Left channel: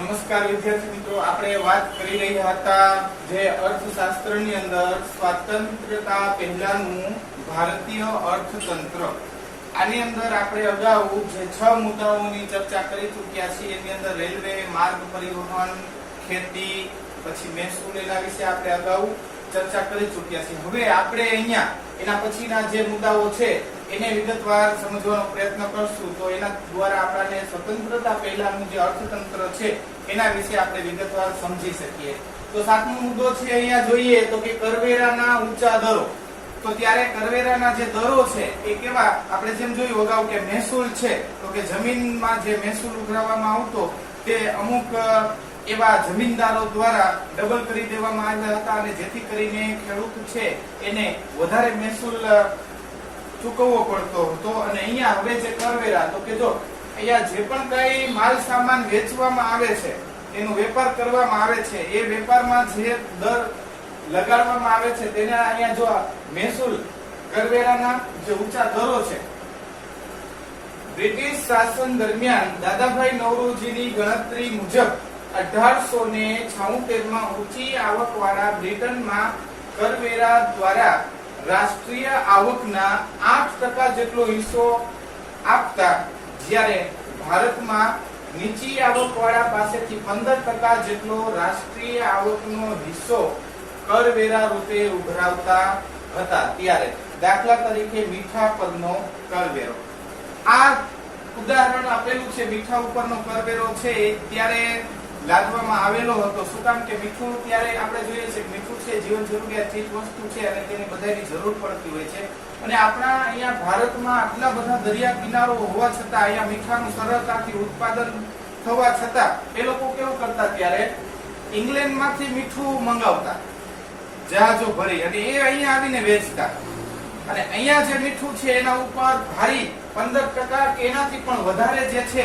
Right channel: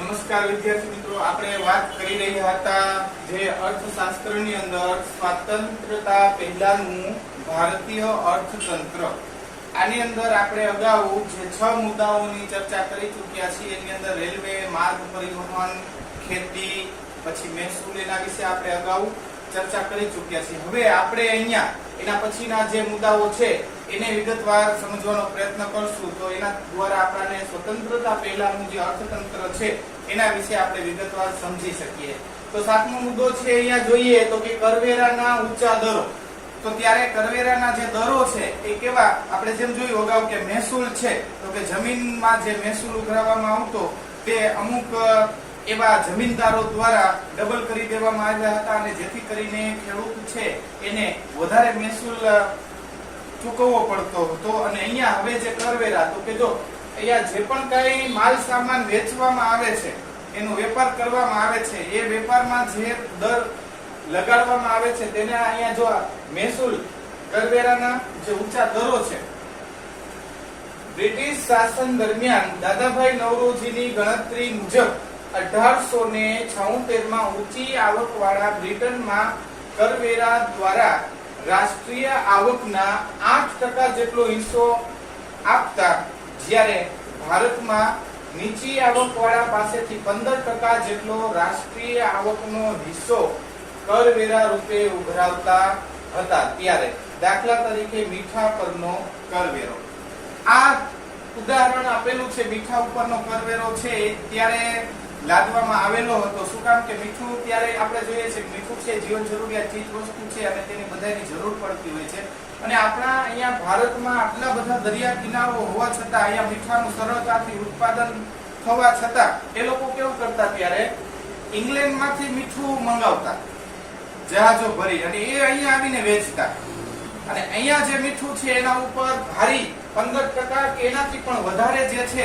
નમસ્કાર વિદ્યાર્થી મિત્રો, આપણે વાત કરી રહ્યા હતા જે અર્થશાસ્ત્રની અંદર સ્વાતંત્ર્યતા પહેલાનું ભારતીય અર્થતંત્ર. આની અંદર આપણે અગાઉ જે 6 મુદ્દાઓની ચર્ચા કરી ચૂક્યા છીએ. એની અંદર રેલવે, માર્ગ પરિવહન, ખેતી, પછી મહેસૂલ, એના વિશે આપણે અગાઉ ચર્ચા કરી ચૂક્યા છીએ. હવે આપણે અહીંયા એના પછીના જે મુદ્દાઓ છે એને વિગતવાર સમજવાનો પ્રયત્ન કરશું. તો એના દ્વારા આપણને સ્વતંત્રતા પહેલાનું જે અર્થતંત્ર છે એના વિશે આપણે વિગતવાર સમજી શકીએ. તો 7મો મુદ્દો છે, અહીંયા જોઈએ તો કે કરવેરાના ઊંચા દરો. તો ત્યારે કરવેરાના જે દરો છે એ કેવા, આપણે જેમ જોયું અગાઉ કે મહેસૂલ છે, તો કે જમીનમાં જે મહેસૂલ ઉઘરાવવામાં આવતો તે અમુક એવા જમીનદારો દ્વારા ડબલ કરી દેવામાં આવ્યા હતા, અને જેથી કરીને ખેડૂત છે એને વધારે મહેસૂલ ચૂકવવો પડતો હતો. અને અહીંયા હવે જે કરવેરા, તો કે જો અહીંયા જે પણ કઈ માલ સામાન વેચવામાં આવે છે, એનો વેપાર કરવામાં આવે છે, એ વેપારમાં જે દર લગાડવામાં આવે છે તેને અહીંયા જો મહેસૂલ કરવેરાના જે ઊંચા દરો છે, બ્રિટિશ શાસન દરમિયાન દાદાભાઈ નવરોજીની ગણતરી મુજબ 1876 માં ઊંચી આવક વાળા બ્રિટનમાં કરવેરા દ્વારા રાષ્ટ્રીય આવકના 8% જેટલો હિસ્સો આપતા, જ્યારે ભારતમાં નીચી આવક વાળા પાસેથી 15% જેટલો રાષ્ટ્રીય આવકનો હિસ્સો કરવેરા રૂપે ઉઘરાવતા હતા. ત્યારે દાખલા તરીકે મીઠા પરનો કરવેરો, આ ઉદાહરણ આપેલું છે. મીઠા ઉપરનો કરવેરો છે ત્યારે લાદવામાં આવેલો હતો. શું કામ કે મીઠું ત્યારે આપણે જોઈએ છે કે મીઠું છે જીવન જરૂરિયાત ચીજ વસ્તુ છે અને તેની બધાની જરૂર પડતી હોય છે. અને આપણા અહીંયા ભારતમાં આટલા બધા દરિયા કિનારો હોવા છતાં અહીંયા મીઠાનું સરળતાથી ઉત્પાદન થવા છતાં એ લોકો કેવું કરતા, ત્યારે ઇંગ્લેન્ડમાંથી મીઠું મંગાવતા જહાજો ભરી, અને એ અહીંયા આવીને વેચતા. અને અહીંયા જે મીઠું છે એના ઉપર ભારી 15% કે એનાથી પણ વધારે જે છે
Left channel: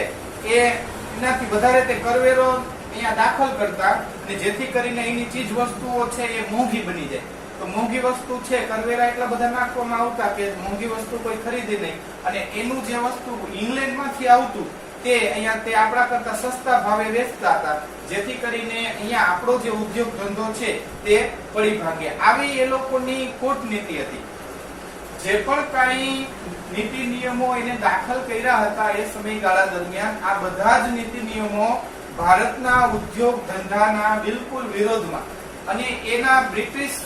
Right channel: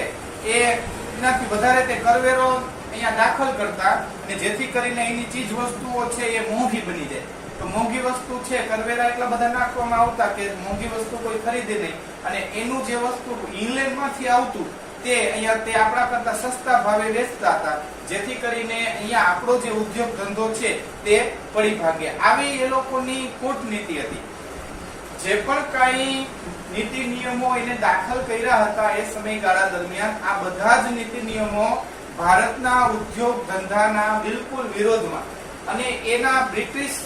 એનાથી વધારે તે કરવેરો અહીંયા દાખલ કરતા, અને જેથી કરીને એની ચીજ વસ્તુઓ છે એ મોંઘી બની જાય. તો મોંઘી વસ્તુ છે, કરવેરા એટલા બધા નાખવામાં આવતા કે મોંઘી વસ્તુ કોઈ ખરીદે નહીં, અને એનું જે વસ્તુ ઇંગ્લેન્ડમાંથી આવતું તે અહીંયા તે આપણા કરતા સસ્તા ભાવે વેચતા હતા, જેથી કરીને અહીંયા આપણો જે ઉદ્યોગ ધંધો છે તે પડી ભાગે. આવી એ લોકોની કૂટનીતિ હતી. જે પણ કઈ નીતિ નિયમો એને દાખલ કર્યા હતા એ સમયગાળા દરમિયાન, આ બધા જ નીતિ નિયમો ભારતના ઉદ્યોગ ધંધાના બિલકુલ વિરોધમાં, અને એના બ્રિટિશ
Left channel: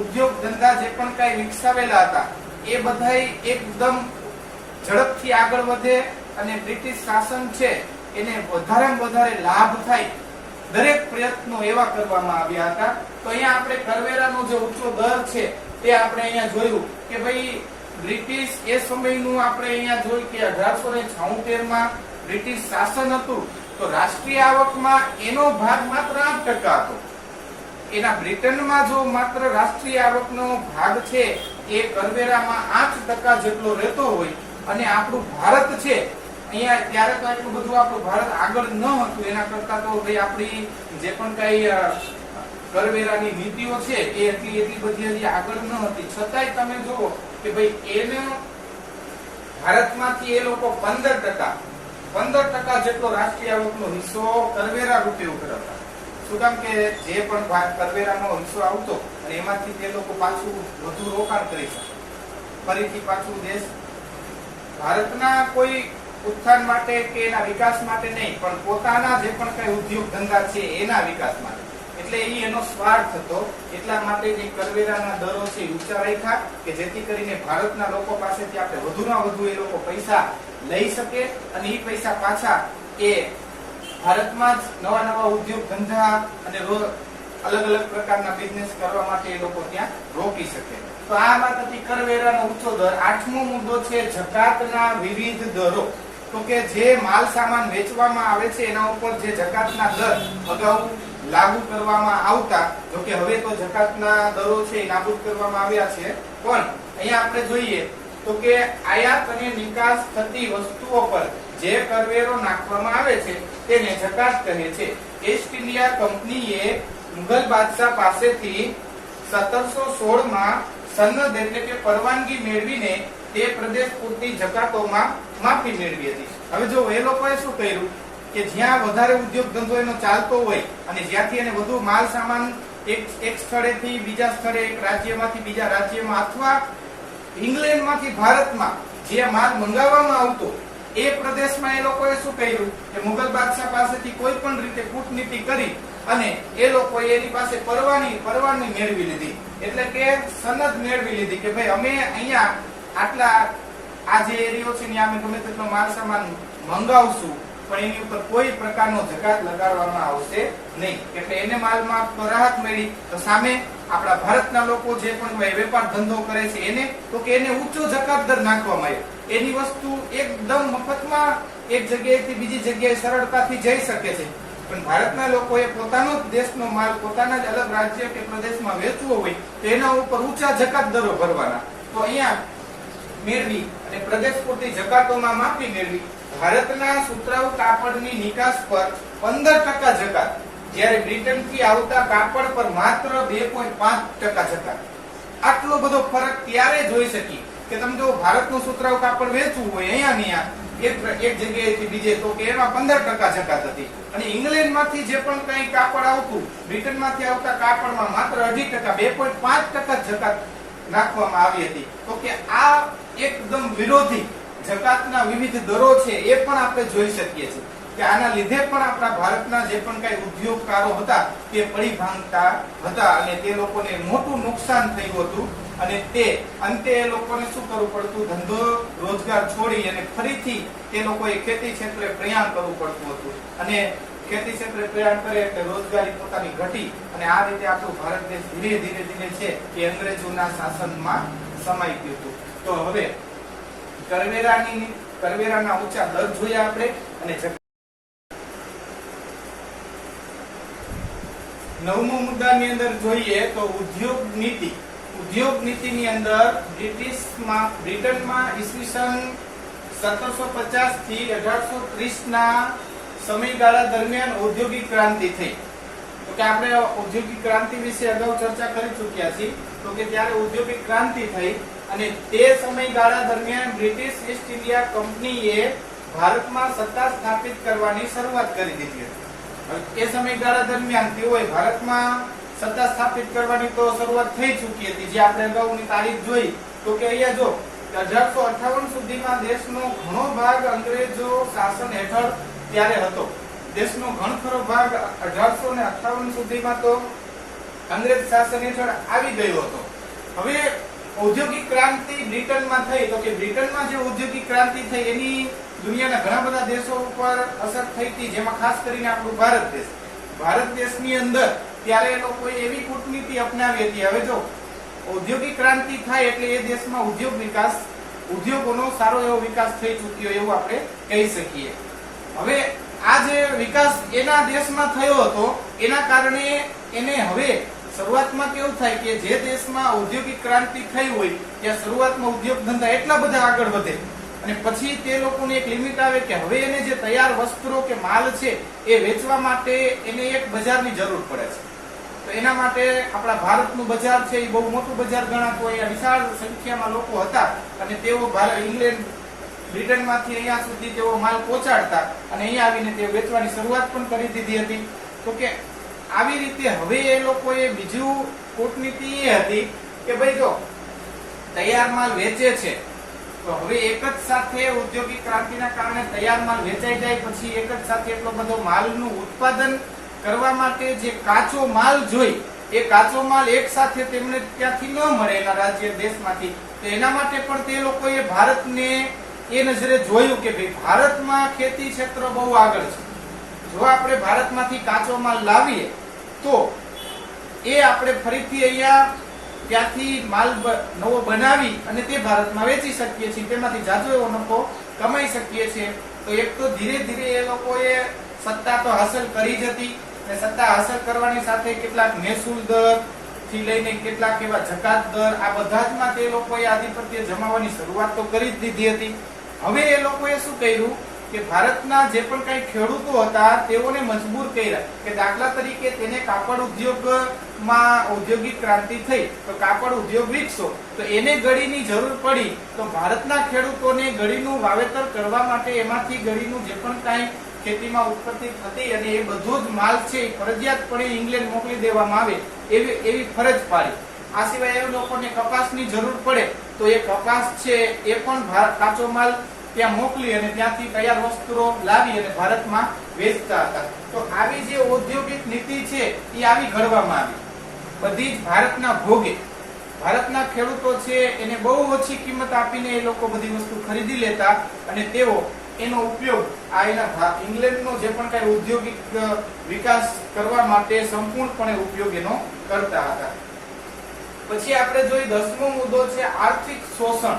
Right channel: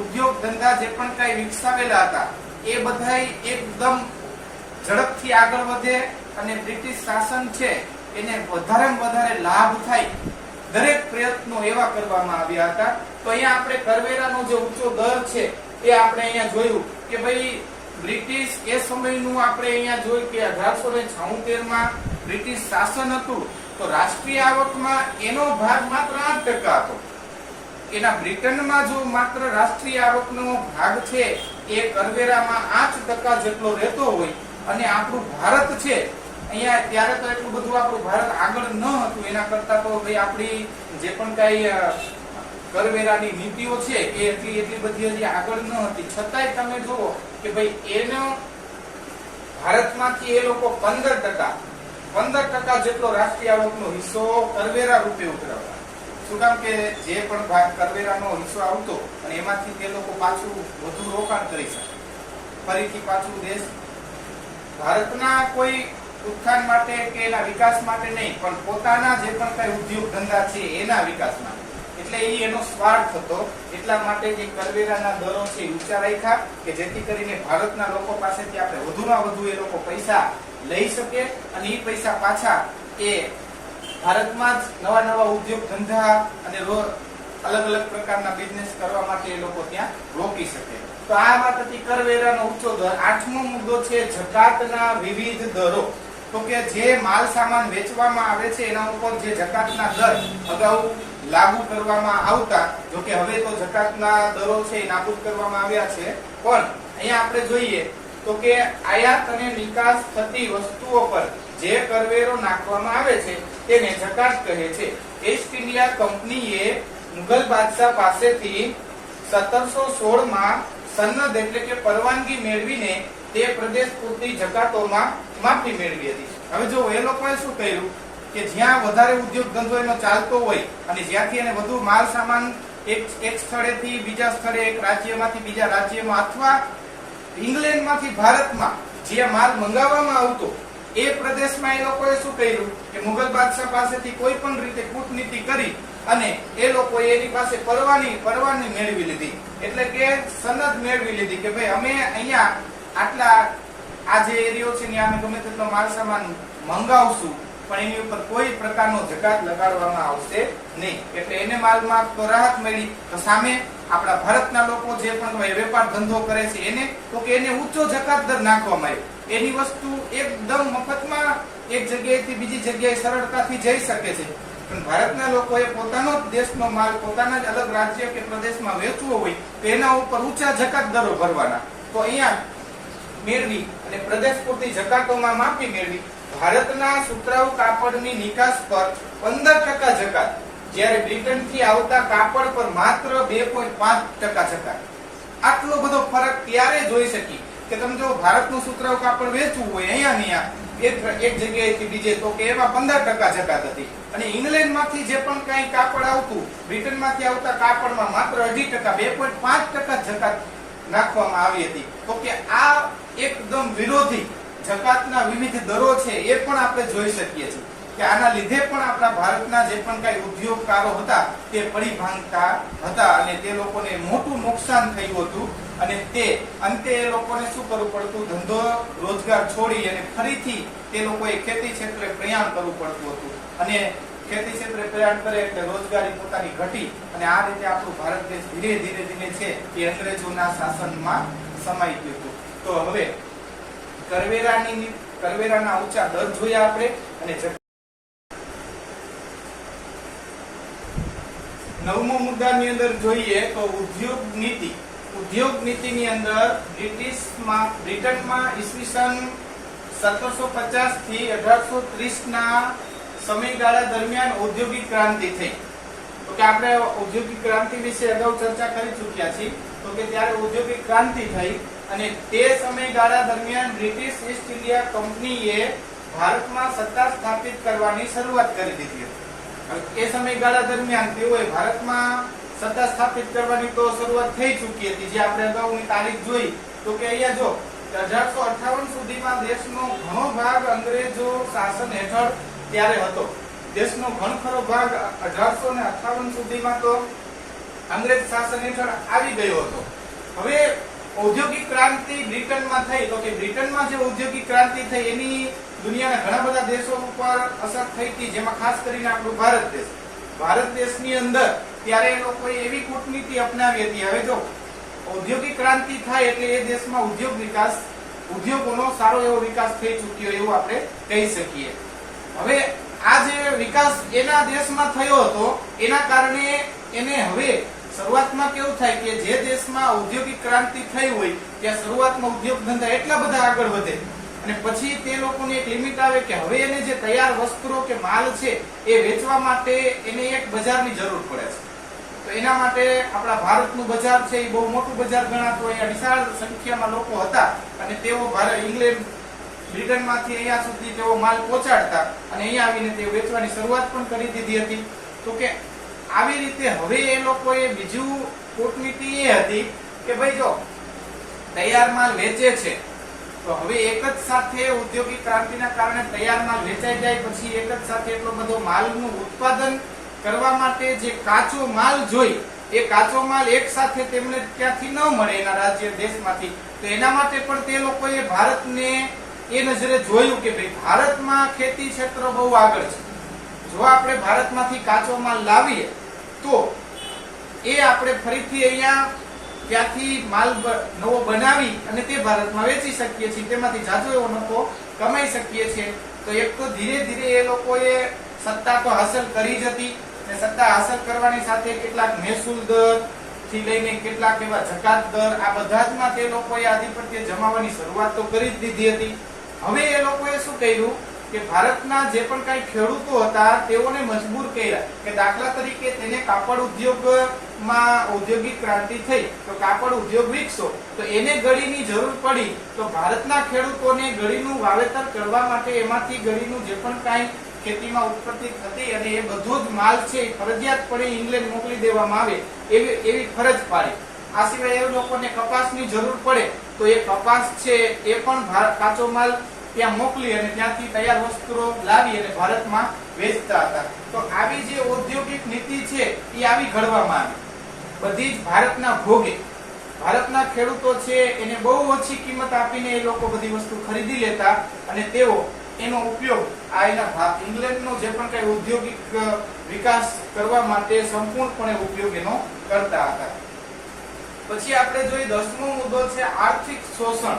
ઉદ્યોગ ધંધા જે પણ કઈ વિકસાવેલા હતા એ બધા એકદમ ઝડપથી આગળ વધે અને બ્રિટિશ શાસન છે એને વધારેમાં વધારે લાભ થાય, દરેક પ્રયત્નો એવા કરવામાં આવ્યા હતા. તો અહીંયા આપણે કરવેરાનો જે ઊંચો દર છે એ આપણે અહીંયા જોયું કે ભાઈ બ્રિટિશ એ સમયનું આપણે અહીંયા જોયું કે 1876 માં બ્રિટિશ શાસન હતું, તો રાષ્ટ્રીય આવકમાં એનો ભાગ માત્ર 8% હતો. એના બ્રિટનમાં જો માત્ર રાષ્ટ્રીય આવકનો ભાગ છે એ કરવેરામાં 8% જેટલો રહેતો હોય, અને આપણું ભારત છે અહીંયા ત્યારે તો એટલું બધું આપણું ભારત આગળ ન હતું, એના કરતા તો ભાઈ આપણી જે પણ કઈ કરવેરાની નીતિઓ છે એ એટલી બધી હજી આગળ ન હતી. છતાંય તમે જુઓ કે ભાઈ એનો ભારતમાંથી એ લોકો 15% જેટલો રાષ્ટ્રીય આવકનો હિસ્સો કરવેરા રૂપે ઉઘરાવતા. શું કામ કે જે પણ કરવેરાનો હિસ્સો આવતો અને એમાંથી તે લોકો પાછું વધુ રોકાણ કરી શકે, ફરીથી પાછું દેશ ભારતના કોઈ ઉત્થાન માટે કે એના વિકાસ માટે નહીં, પણ પોતાના જે પણ કઈ ઉદ્યોગ ધંધા છે એના વિકાસ માટે. એટલે એનો સ્વાર્થ હતો. એટલા માટે જે કરવેરાના દરો છે ઊંચા રાખ્યા કે જેથી કરીને ભારતના લોકો પાસેથી આપણે વધુમાં વધુ એ લોકો પૈસા લઈ શકે, અને એ પૈસા પાછા એ ભારતમાં જ નવા નવા ઉદ્યોગ ધંધા અને અલગ અલગ પ્રકારના બિઝનેસ કરવા માટે એ લોકો ત્યાં રોકી શકે. તો આ માટે કરવેરાનો ઊંચો દર. 8મો મુદ્દો છે જકાતના વિવિધ દરો. તો કે જે માલ સામાન વેચવામાં આવે છે એના ઉપર જે જકાતના દર અગાઉ લાગુ કરવામાં આવતા, જોકે હવે તો જકાતના દરો છે એ નાબૂદ કરવામાં આવ્યા છે, પણ અહીંયા આપણે જોઈએ તો કે આયાત અને નિકાસ થતી વસ્તુઓ પર જે કરવેરો નાખવામાં આવે છે તેને જકાત કહે છે. ઈસ્ટ ઇન્ડિયા કંપનીએ મુઘલ બાદશાહ પાસેથી 1716 માં સનદ એટલે કે પરવાનગી મેળવીને તે પ્રદેશ પૂરતી જકાતોમાં માફી મેળવી હતી. હવે જો એ લોકોએ શું કર્યું કે જ્યાં વધારે ઉદ્યોગ ધંધો એનો ચાલતો હોય અને જ્યાંથી એને વધુ માલ સામાન એક સ્થળેથી બીજા સ્થળે, એક રાજ્યમાંથી બીજા રાજ્યમાં અથવા ઇંગ્લેન્ડમાંથી ભારતમાં જે માલ મંગાવવામાં આવતો એ પ્રદેશમાં એ લોકોએ શું કર્યું કે મુગલ બાદશાહ પાસેથી કોઈ પણ રીતે કૂટનીતિ કરી અને એ લોકોએ એની પાસે પરવાની મેળવી લીધી, એટલે કે સનદ મેળવી લીધી કે ભાઈ અમે અહીંયા આટલા આ જે એરિયો છે ત્યાં અમે ગમે તેટલો માલ સામાન મંગાવશું પણ એની ઉપર કોઈ પ્રકારનો જકાત લગાડવામાં આવશે નહીં. એટલે એને માલમાં તો રાહત મળી, તો સામે આપણા ભારતના લોકો જે પણ વેપાર ધંધો કરે છે એને તો કે એને ઊંચો જકાત દર નાખવામાં આવ્યો. એની વસ્તુ એકદમ મફતમાં એક જગ્યાએથી બીજી જગ્યાએ સરળતાથી જઈ શકે છે, પણ ભારતના લોકોએ પોતાનો જ દેશનો માલ પોતાના જ અલગ રાજ્ય કે પ્રદેશમાં વેચવો હોય તો એના ઉપર ઊંચા જકાત દરો ભરવાના. તો અહીંયા મેળવી અને પ્રદેશ પૂરતી જકાતોમાં માફી મેળવી ભારતના સુતરાઉ કાપડની નિકાસ પર 15% જકાત, જ્યારે બ્રિટનથી આવતા કાપડ પર માત્ર 2.5% જકાત. આટલો બધો ફરક ત્યારે જોઈ શકી કે તમે જો ભારતનું સુતરાઉ કાપડ વેચવું હોય અહીંયા એક જગ્યાએથી બીજે તો કે એમાં 15% જકાત હતી, અને ઇંગ્લેન્ડમાંથી જે પણ કઈ કાપડ આવતું બ્રિટનમાંથી આવતા કાપડમાં માત્ર 2.5%, 2.5% જકાત નાખવામાં આવી હતી. તો કે આ એકદમ વિરોધી જકાતના વિવિધ દરો છે એ પણ આપણે જોઈ શકીએ છીએ કે આના લીધે પણ આપણા ભારતના જે પણ કઈ ઉદ્યોગકારો હતા તે પડી ભાંગતા હતા અને તે લોકોને મોટું નુકસાન થયું હતું. અને તે અંતે એ લોકોને શું કરવું પડતું, ધંધો રોજગાર છોડી અને ફરીથી તે લોકોએ ખેતી ક્ષેત્રે પ્રયાણ કરવું પડતું હતું, અને ખેતી ક્ષેત્રે પ્રયાણ કરે એટલે રોજગારી પોતાની ઘટી અને આ રીતે આપણું ભારત દેશ ધીરે ધીરે છે એ અંગ્રેજોના શાસનમાં સમાઈ ગયું. તો હવે કરવેરાના ઊંચા દર જોયા આપણે, અને નવમો મુદ્દાની અંદર જોઈએ તો ઉદ્યોગ નીતિ. ઉદ્યોગ નીતિની અંદર બ્રિટનમાં ઈસવીસન 1750 થી 1830 ના સમયગાળા દરમિયાન ઔદ્યોગિક ક્રાંતિ થઈ. તો કે આપણે ઔદ્યોગિક ક્રાંતિ વિશે અગાઉ ચર્ચા કરી ચૂક્યા છીએ. તો કે ત્યારે ઔદ્યોગિક ક્રાંતિ થઈ અને તે સમયગાળા દરમિયાન બ્રિટિશ ઈસ્ટ ઇન્ડિયા કંપનીએ ભારતમાં સત્તા સ્થાપિત કરવાની શરૂઆત કરી દીધી હતી. એ સમયગાળા દરમિયાન તેઓએ ભારતમાં સત્તા સ્થાપિત કરવાની તો શરૂઆત થઈ ચૂકી હતી, જે આપણે અગાઉની તારીખ જોઈ. તો કે અહીંયા જો 1858 સુધીમાં દેશનો ઘણો ભાગ અંગ્રેજો શાસન હેઠળ ત્યારે હતો. દેશનો ઘણો ભાગ 1858 સુધીમાં તો અંગ્રેજ શાસન હેઠળ આવી ગયો હતો. હવે ઔદ્યોગિક ક્રાંતિ બ્રિટનમાં થઈ, તો કે બ્રિટનમાં જે ઔદ્યોગિક ક્રાંતિ થઈ એની દુનિયાના ઘણા બધા દેશો ઉપર અસર થઈ હતી, જેમાં ખાસ કરીને આપણું ભારત દેશની અંદર ત્યારે એ લોકોએ એવી કૂટનીતિ અપનાવી હતી. હવે જો ઔદ્યોગિક ક્રાંતિ થાય એટલે એ દેશમાં ઉદ્યોગોનો સારો એવો વિકાસ થઈ ચૂક્યો એવું આપણે કહી શકીએ. હવે આ જે વિકાસ એના દેશમાં થયો હતો એના કારણે એને હવે શરૂઆતમાં કેવું થાય કે જે દેશમાં ઔદ્યોગિક ક્રાંતિ થઈ હોય ત્યાં શરૂઆતમાં ઉદ્યોગ ધંધા એટલા બધા આગળ વધે અને પછી તે લોકોને એક લિમિટ આવે કે હવે એને જે તૈયાર વસ્ત્રો કે માલ છે એ વેચવા માટે એને એક બજારની જરૂર પડે છે. તો એના માટે આપણા ભારતનું બજાર છે એ બહુ મોટું બજાર ગણાતું, અહીંયા વિશાળ સંખ્યામાં લોકો હતા અને તેઓ ઇંગ્લેન્ડ બ્રિટનમાંથી અહીંયા સુધી તેઓ માલ પહોંચાડતા અને અહીંયા આવીને તેઓ વેચવાની શરૂઆત પણ કરી દીધી હતી. તો કે આવી રીતે હવે એ લોકોએ બીજું કૂટનીતિ એ હતી કે ભાઈ જો તૈયાર માલ વેચે છે તો હવે એક જ સાથે ઔદ્યોગિક ક્રાંતિના કારણે તૈયાર માલ વેચાઈ જાય પછી એક જ સાથે એટલો બધો માલનું ઉત્પાદન કરવા માટે જે કાચો માલ જોઈ એ કાચો માલ એક સાથે તેમને ત્યાંથી ન મળે એના રાજ્ય દેશમાંથી. તો એના માટે પણ તે લોકોએ ભારતને એ નજરે જોયું કે ભાઈ ભારતમાં ખેતી ક્ષેત્ર બહુ આગળ છે, જો આપણે ભારતમાંથી કાચો માલ લાવીએ તો એ આપણે ફરીથી અહીંયા ત્યાંથી માલ નવો બનાવી અને તે ભારતમાં વેચી શકીએ છીએ, તેમાંથી જાજો એવો નફો કમાઈ શકીએ છીએ. તો એક તો ધીરે ધીરે એ લોકોએ સત્તા તો હાંસલ કરી જ હતી અને સત્તા હાંસલ કરવાની સાથે કેટલાક મહેસૂલ દર થી લઈને કેટલાક એવા જકાત દર આ બધામાં તે લોકોએ આધિપત્ય જમાવવાની શરૂઆત તો કરી જ દીધી હતી. હવે એ લોકોએ શું કર્યું કે ભારતના જે પણ કઈ ખેડૂતો હતા તેઓને મજબૂર કર્યા કે દાખલા તરીકે તેને કાપડ ઉદ્યોગમાં ઔદ્યોગિક ક્રાંતિ થઈ તો કાપડ ઉદ્યોગ વિકસો તો એને ગળીની જરૂર પડી. તો ભારતના ખેડૂતોને ગળીનું વાવેતર કરવા માટે એમાંથી ગળીનું જે પણ કઈ ખેતીમાં ઉત્પત્તિ થતી અને એ બધો જ માલ છે એ ફરજિયાતપણે ઇંગ્લેન્ડ મોકલી દેવામાં આવે એવી ફરજ પાડી. આ સિવાય એ લોકોને કપાસની જરૂર પડે તો એ કપાસ છે એ પણ કાચો માલ ત્યાં મોકલી અને ત્યાંથી તૈયાર વસ્ત્રો લાવી અને ભારતમાં વેચતા હતા. તો આવી જે ઔદ્યોગિક નીતિ છે એ આવી ઘડવામાં આવી, બધી જ ભારતના ભોગે. ભારતના ખેડૂતો છે એને બહુ ઓછી કિંમત આપીને એ લોકો બધી વસ્તુ ખરીદી લેતા અને તેઓ એનો ઉપયોગ આ એના ઇંગ્લેન્ડનો જે પણ કઈ ઔદ્યોગિક વિકાસ કરવા માટે સંપૂર્ણપણે ઉપયોગ એનો કરતા હતા. પછી આપણે જોઈએ 10મો મુદ્દો છે આર્થિક શોષણ.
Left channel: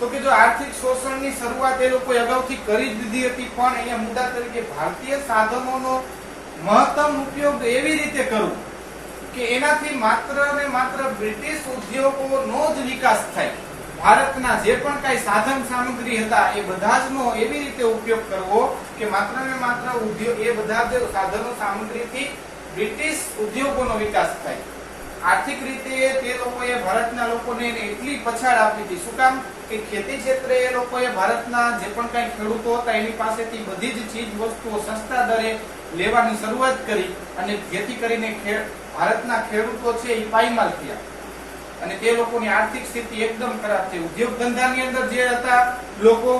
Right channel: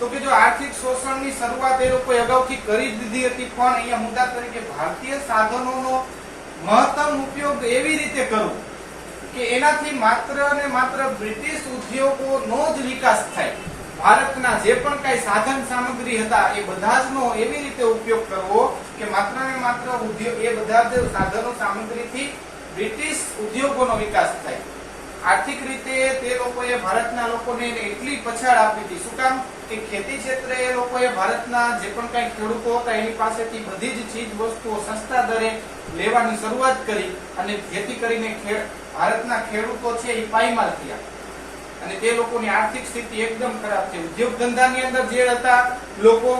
તો કે જો આર્થિક શોષણની શરૂઆત એ લોકોએ અગાઉથી કરી દીધી હતી, પણ અહીંયા મુદ્દા તરીકે ભારતીય સાધનોનો મહત્તમ ઉપયોગ એવી રીતે કરવો કે એનાથી માત્ર ને માત્ર બ્રિટિશ ઉદ્યોગોનો જ વિકાસ થાય. ભારતના જે પણ કઈ સાધન સામગ્રી હતા એ બધા જનો એવી રીતે ઉપયોગ કરવો કે માત્ર ને માત્ર ઉદ્યોગ એ બધા જ સાધનો સામગ્રીથી બ્રિટિશ ઉદ્યોગોનો વિકાસ થાય. આર્થિક રીતે તે લોકોએ ભારતના લોકોને એટલી પછાડ આપી હતી. શું કામ? કે ખેતી ક્ષેત્રે એ લોકોએ ભારતના જે પણ કઈ ખેડૂતો હતા એની પાસેથી બધી જ ચીજ વસ્તુઓ સસ્તા દરે લેવાની શરૂઆત કરી અને જેથી કરીને ભારતના ખેડૂતો છે એ પાયમાલ થયા અને તે લોકોની આર્થિક સ્થિતિ એકદમ ખરાબ થઈ. ઉદ્યોગ ધંધાની અંદર જે હતા લોકો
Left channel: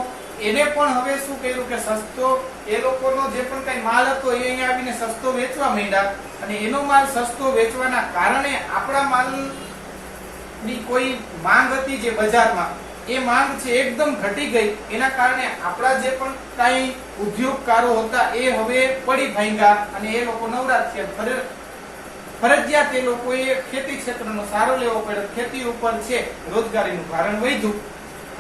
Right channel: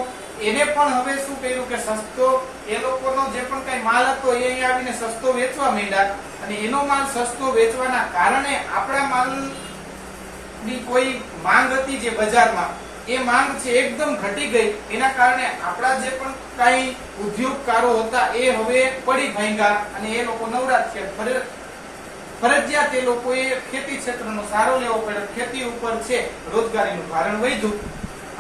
એને પણ હવે શું કર્યું કે સસ્તો એ લોકોનો જે પણ કઈ માલ હતો એ અહીંયા આવીને સસ્તો વેચવા માંડ્યા અને એનો માલ સસ્તો વેચવાના કારણે આપણા માલની કોઈ માંગ હતી જે બજારમાં એ માંગ છે એકદમ ઘટી ગઈ. એના કારણે આપણા જે પણ કઈ ઉદ્યોગકારો હતા એ હવે પડી ભાંગ્યા અને એ લોકો નવરાત થયા. ફરજિયાત એ લોકોએ ખેતી ક્ષેત્રનો સારો લેવો પડ્યો. ખેતી ઉપર છે રોજગારીનું ભારણ વધ્યું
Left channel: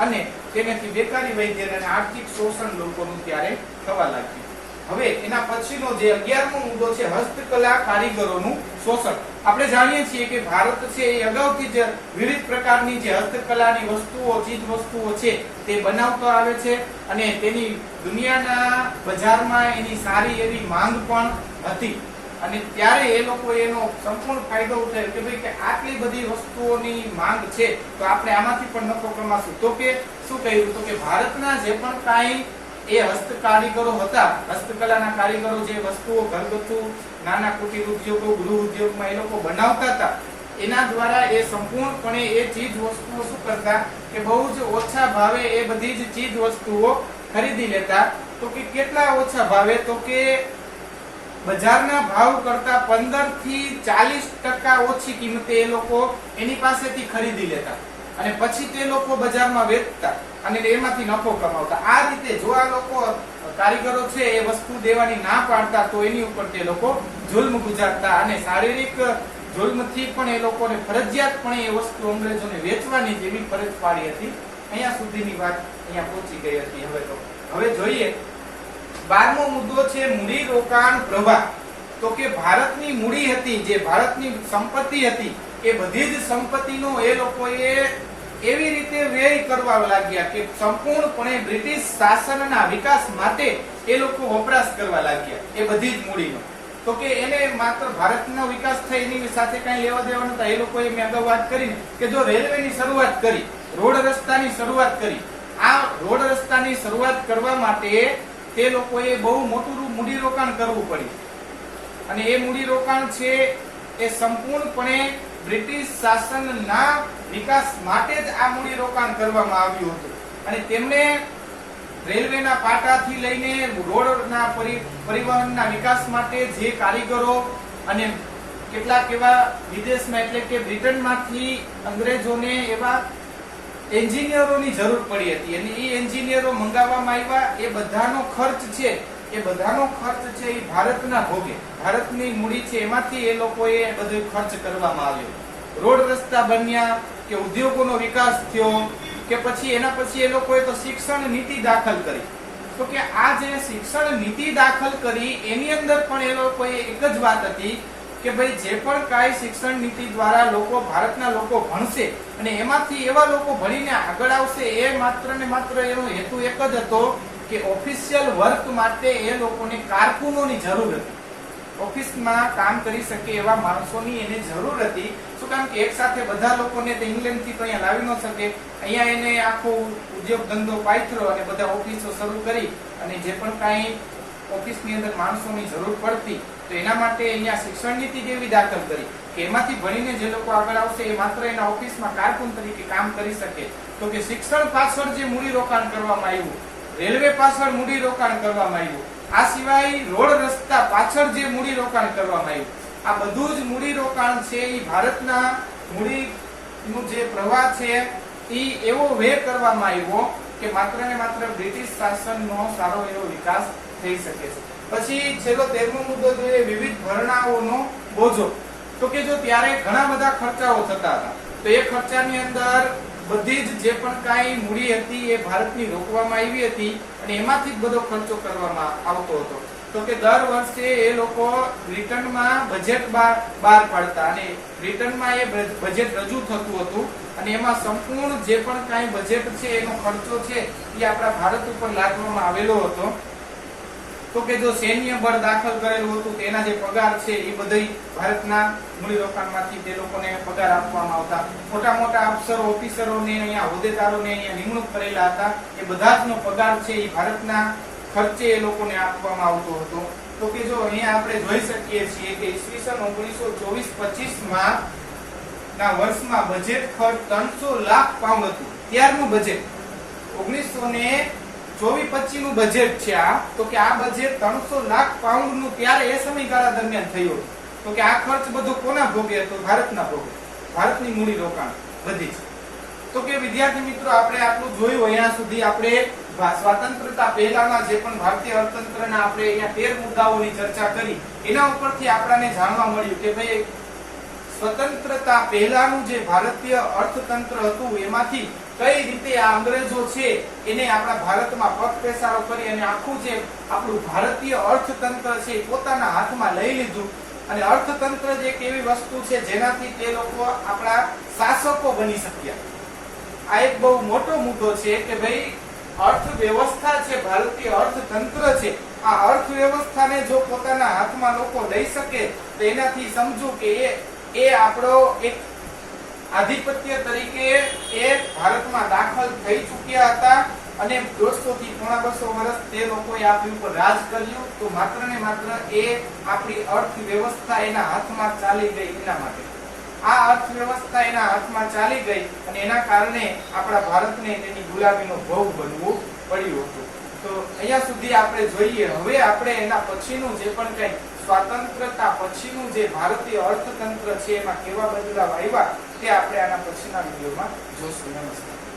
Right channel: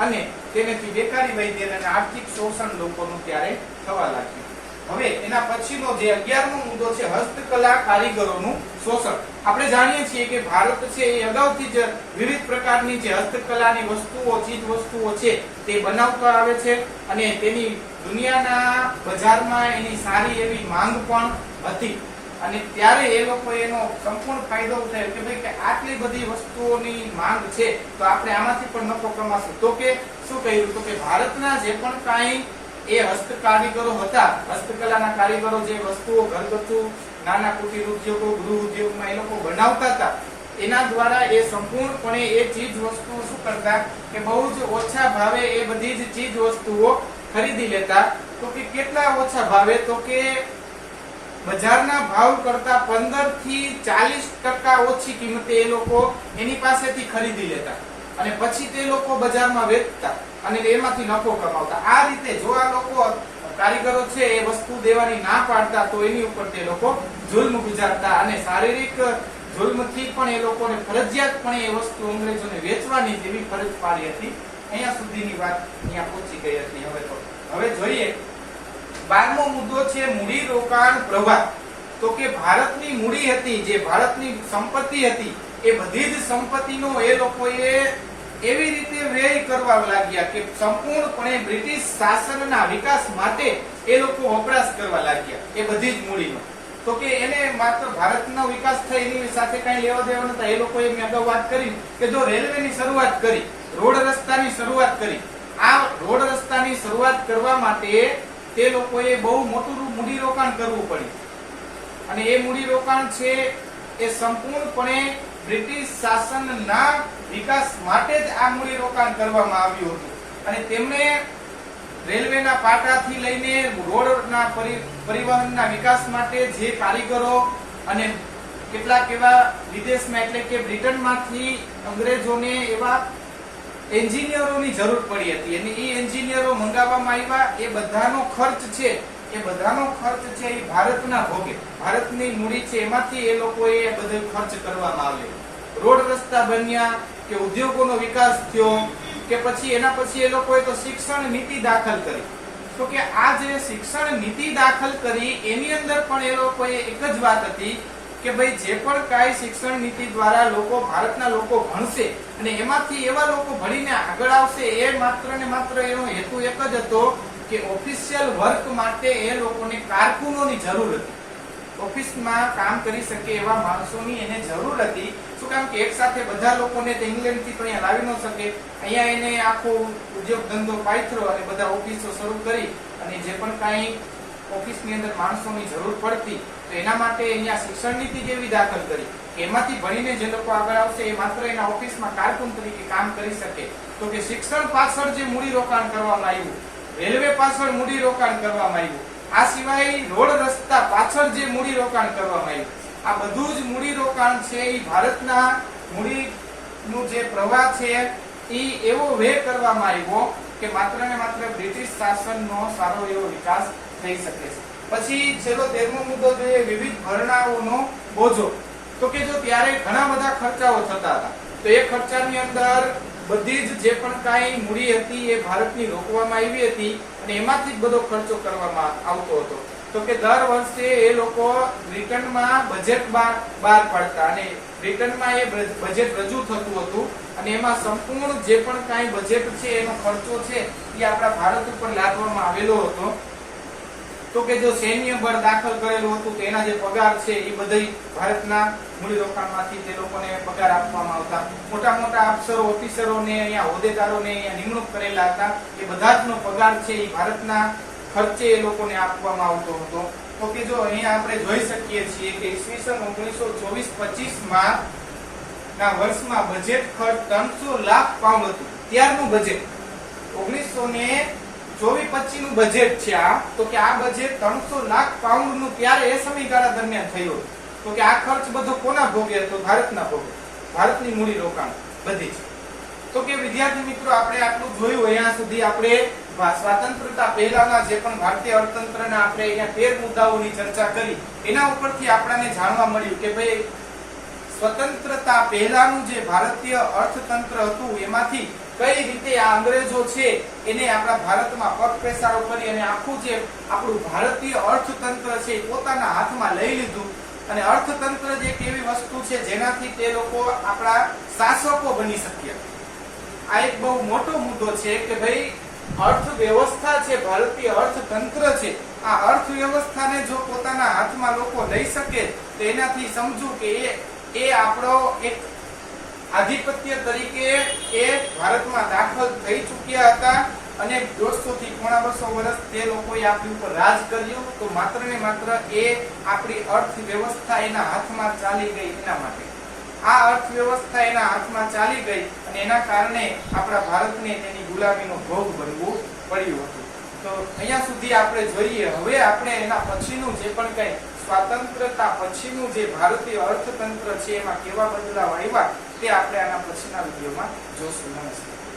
અને તેનાથી બેકારી વધી અને આર્થિક શોષણ લોકોનું ત્યારે થવા લાગ્યું. હવે એના પછીનો જે 11મો મુદ્દો છે હસ્તકલા કારીગરોનું શોષણ. આપણે જાણીએ છીએ કે ભારત છે એ અગાઉથી જ વિવિધ પ્રકારની જે હસ્તકલાની વસ્તુઓ ચીજ વસ્તુઓ છે તે બનાવતા આવે છે અને તેની દુનિયાના બજારમાં એની સારી એવી માંગ પણ હતી અને ત્યારે એ લોકો એનો સંપૂર્ણ ફાયદો ઉઠાવ્યો કે ભાઈ કે આટલી બધી વસ્તુઓની માંગ છે તો આપણે આમાંથી પણ નફો કમાશું. તો કે શું કહ્યું? તો કે ભારતના જે પણ કાંઈ એ હસ્તકારીગરો હતા, હસ્તકલાના કારીગરો જે વસ્તુઓ ઘરગથ્થુ નાના કુટીર ઉદ્યોગો ગૃહ ઉદ્યોગમાં એ લોકો બનાવતા હતા એના દ્વારા એ સંપૂર્ણપણે એ ચીજ વસ્તુઓ શું કરતા કે બહુ જ ઓછા ભાવે એ બધી જ ચીજ વસ્તુઓ ખરીદી લેતા. તો કે કેટલા ઓછા ભાવે? તો કે બજારના ભાવ કરતા 15 થી 40% ઓછી કિંમતે એ લોકો એની પાસેથી ખરીદી લેતા અને પછી તે લોકો બજારમાં વેચતા અને એમાંથી નફો કમાવતા. આ રીતે જો આ લોકો કારીગરો છે એ વસ્તુ દેવાની ના પાડતા તો એની ઉપર તે લોકો જુલ્મ ગુજારતા અને શારીરિક જુલ્મથી પણ એ લોકોને ફરજિયાતપણે એ વસ્તુ અંગ્રેજોને વેચવાની જેવી ફરજ પાડી હતી. અહીંયા સુધીની વાત અહીંયા પહોંચી ગઈ હતી. હવે જોઈએ 12મો મુદ્દો છે મૂડી રોકાણ પ્રવાહ. તો કે ભારતની મૂડી હતી, જે ભારતની સંપત્તિ હતી, એ બધી જ સંપત્તિનો એ લોકોએ એવી રીતે વ્યય કરવા લાગ્યા કે સંપૂર્ણપણે બ્રિટિશ શાસનના વિકાસ માટે એ લોકો વપરાશ કરવા લાગ્યા એ બધી જ મૂડીનો. તો કે એને માત્ર ભારતનો વિકાસ થાય એની સાથે કઈ લેવા દેવા નતા. એ લોકોએ મેં અગાઉ વાત કરી કે જો રેલવેની શરૂઆત કરી, રોડ રસ્તાની શરૂઆત કરી, આ રોડ રસ્તાની શરૂઆત કરવા માટે તે લોકોએ બહુ મોટું મૂડીરોકાણ કરવું પડ્યું અને એ મૂડીરોકાણ છે એ સંપૂર્ણપણે બ્રિટિશ શાસનના વિકાસ માટે જ આ મૂડીરોકાણ કરવામાં આવ્યું હતું અને તેમને રેલવેના પાટાથી લઈને રોડના પરિવહનના વિકાસ માટે જે કારીગરો અને કેટલાક એવા વિદેશમાં એટલે કે બ્રિટનમાંથી અંગ્રેજોને એવા એન્જિનિયરોની જરૂર પડી હતી અને એ એન્જિનિયરો મંગાવવામાં આવ્યા. એ બધાનો ખર્ચ છે એ ભારતના ભોગે, ભારતની મૂડી છે એમાંથી એ લોકોએ બધો ખર્ચ કરવામાં આવ્યો. રોડ રસ્તા બન્યા કે ઉદ્યોગોનો વિકાસ થયો કે પછી એના પછી એ લોકોએ તો શિક્ષણ નીતિ દાખલ કરી. તો કે આ જે શિક્ષણ નીતિ દાખલ કરી એની અંદર પણ એ લોકોએ એક જ વાત હતી કે ભાઈ જે પણ કાંઈ શિક્ષણ નીતિ દ્વારા ભારતના લોકો ભણશે અને એમાંથી એવા લોકો ભણીને આગળ આવશે એ માત્ર ને માત્ર એનો હેતુ એક જ હતો કે ઓફિશિયલ વર્ક માટે એ લોકોને કારકુનોની જરૂર હતી. ઓફિસમાં કામ કરી શકે એવા માણસોની એને જરૂર હતી. શું કામ કે એક સાથે બધા લોકોને ઇંગ્લેન્ડ થી તો અહીંયા લાવી ન શકે. અહીંયા એને આખો ઉદ્યોગ ધંધો પાથર્યો અને બધા ઓફિસો શરૂ કરી અને જે પણ કાંઈ ઓફિસની અંદર માણસોની જરૂર પડતી, તો એના માટે અહીંયા શિક્ષણ નીતિ જેવી દાખલ કરી કે એમાંથી ભણીને જે લોકો આગળ આવશે એ માત્ર એના ઓફિસમાં કારકુન તરીકે કામ કરી શકે. તો કે શિક્ષણ પાછળ જે મૂડી રોકાણ કરવામાં આવ્યું, રેલવે પાછળ મૂડી રોકાણ કરવામાં આવ્યું, આ સિવાય રોડ રસ્તા પાછળ જે મૂડી રોકાણ કરવામાં આવ્યું, આ બધું જ મૂડી રોકાણ છે એ ભારતના મૂડીનું જે પ્રવાહ છે એ એવો વે કરવામાં આવ્યો કે માત્ર ને માત્ર બ્રિટિશ શાસનનો સારો એવો વિકાસ થઈ શકે છે. પછી છેલ્લો 13મો મુદ્દો જોઈએ, વિવિધ ભરણાઓનો બોજો. તો કે જો ત્યારે ઘણા બધા ખર્ચાઓ થતા હતા, તો એ ખર્ચાની અંદર બધી જ જે પણ કાંઈ મૂડી હતી એ ભારતની રોકવામાં આવી હતી અને એમાંથી જ બધો ખર્ચો કરવામાં આવતો હતો. તો કે દર વર્ષે એ લોકો બ્રિટનમાં બજેટ બહાર પાડતા અને બ્રિટનમાં એ બજેટ રજૂ થતું હતું અને એમાં સંપૂર્ણ જે પણ કાંઈ બજેટ છે એનો ખર્ચો છે એ આપણા ભારત ઉપર લાદવામાં આવેલો હતો. તો કે જો સૈન્ય બળ દાખલ કરેલું હતું તેના જે પગાર છે એ બધી ભારતના મૂડીરોકાણમાંથી તે લોકોને પગાર આપવામાં આવતા. મોટા મોટા અફસરો, ઓફિસરોને, અહીંયા હોદ્દેદારોને અહીંયા નિમણૂક કરેલા હતા, એ બધાનો પગાર છે એ ભારતના ખર્ચે એ લોકોને આપવામાં આવતો હતો. તો કે જો અહીંયા આપણે જોઈ શકીએ છીએ કે ઈસવીસન 1924-25 ના વર્ષમાં બજેટ ખર્ચ 300 લાખ પાઉન્ડ હતું. ત્યારનું બજેટ 1924-25 નું બજેટ છે આ. તો કે આ બજેટ 300 લાખ પાઉન્ડ નું ત્યારે એ સમયગાળા દરમિયાન થયું. તો કે આ ખર્ચ બધો કોના ભોગે હતો? ભારતના ભોગે. ભારતની મૂડી રોકાણ બધી છે. તો કે વિદ્યાર્થી મિત્રો, આપણે આટલું જોયું. અહીંયા સુધી આપણે સ્વાતંત્રતા પહેલાના જે પણ ભારતીય અર્થતંત્રના આપણે અહીંયા 13 મુદ્દાઓની ચર્ચા કરી, એના ઉપરથી આપણને જાણવા મળ્યું કે ભાઈ સ્વતંત્રતા પહેલાનું જે ભારતીય અર્થતંત્ર હતું એમાંથી કઈ રીતે આ અંગ્રેજો છે એને આપણા ભારતમાં પગપેસારો કરી અને આખું જે આપણું ભારતીય અર્થતંત્ર છે એ પોતાના હાથમાં લઈ લીધું. અને અર્થતંત્ર જે એક એવી વસ્તુ છે જેનાથી તે લોકો આપણા શાસકો બની શક્યા. આ એક બહુ મોટો મુદ્દો છે કે ભાઈ અર્થવ્યવસ્થા છે, ભારતીય અર્થતંત્ર છે, આ અર્થવ્યવસ્થાને જો પોતાના હાથમાં લોકો લઈ શકે તો એનાથી સમજુ કે એ આપણો એક આધિપત્ય તરીકે એ ભારતમાં દાખલ થઈ ચૂક્યા હતા અને 150 થી 250 વર્ષ તે લોકોએ આપણી ઉપર રાજ કર્યું. તો માત્ર ને માત્ર એ આપણી અર્થવ્યવસ્થા એના હાથમાં ચાલી ગઈ. એના માટે આ અર્થવ્યવસ્થા એના હાથમાં ચાલી ગઈ અને એના કારણે આપણા ભારતને તેની ગુલામીનો ભોગ બનવું પડ્યું હતું. તો અહીંયા સુધી આપણે જોઈએ. હવે આપણે એના પછીનું જે પણ કઈ સ્વાતંત્રતા પછીનું જે ભારતીય અર્થતંત્ર છે એમાં કેવા બદલાવ આવ્યા તે આપણે આના પછીના વિડીયોમાં જોશું. નમસ્કાર.